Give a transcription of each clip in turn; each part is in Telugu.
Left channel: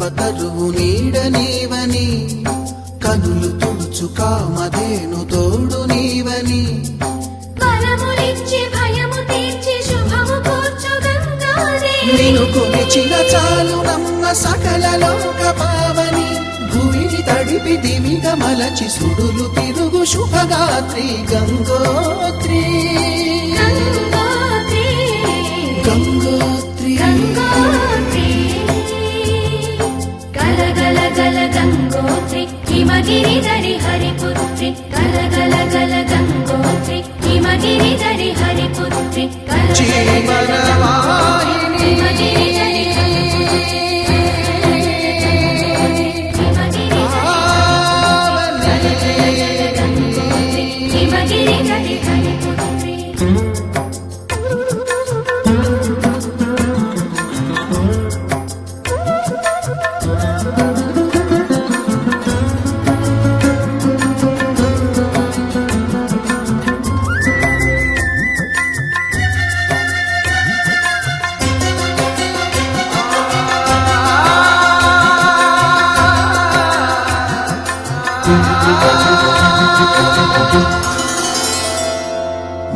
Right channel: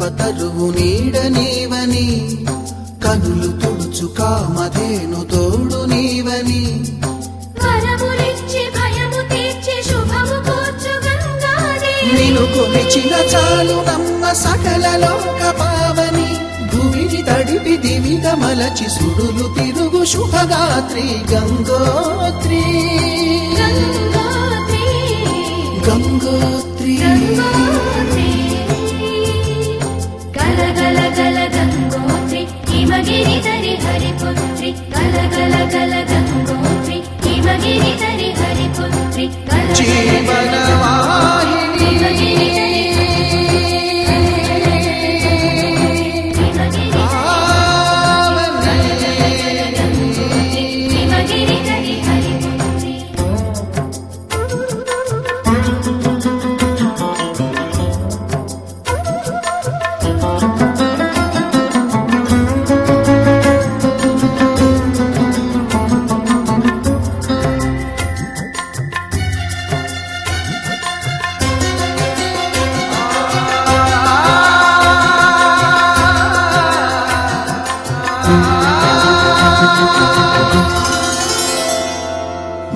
కల్పతరువు నీడ నీవని, కనులు తుడుచు కామధేను తోడు నీవని, నిను కొలిచిన చాలు నమ్మ సకల లోక పావని, భూమిని తడిపి దివిగా మలచి సుడులు తిరుగు శుభగాత్రి గంగోత్రి గంగోత్రి. గల గల గల గంగోత్రి హిమగిరి ధరి హరిపుత్రి, గల గల గల గంగోత్రి హిమగిరి ధరి హరిపుత్రి, జీవనవాహిని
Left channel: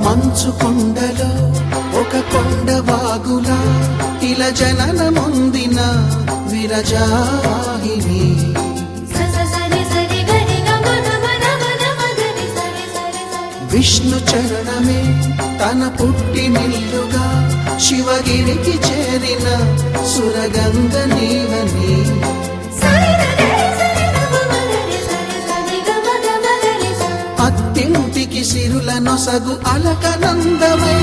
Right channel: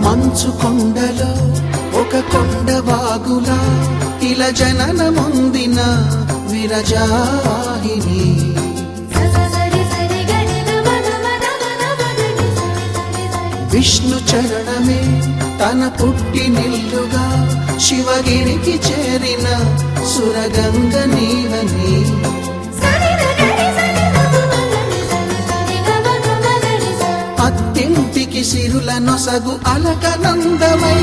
మంచు కొండలో ఒక కొండ వాగులా ఇలా జననమొందిన విరజాహిని, విష్ణు చరణమే తన పుట్టినిల్లుగా శివగిరికి చేరిన సురగంగ నీవని, అత్తింటికి సిరుల నొసగు అలకనందమై,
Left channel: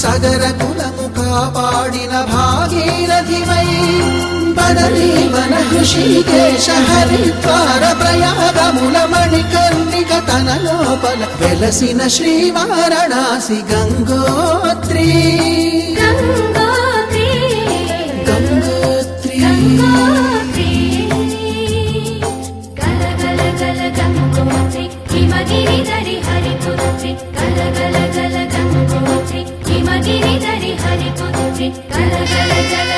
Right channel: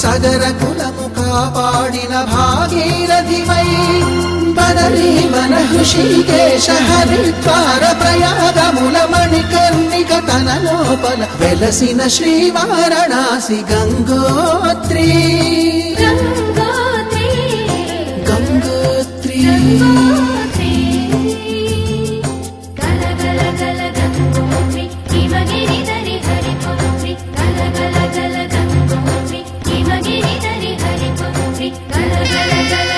సగర కులము కాపాడిన భాగీరథివై, బదరీవన హృషికేశ హరిద్వార ప్రయాగముల మణికర్ణిక తన లోపల వెలసిన శ్రీవారణాసి గంగోత్రి గంగోత్రి. హిమగిరి ధరి హరిపుత్రి, గల గల గల గంగోత్రి హిమగిరి ధరి హరిపుత్రి, గల గల గల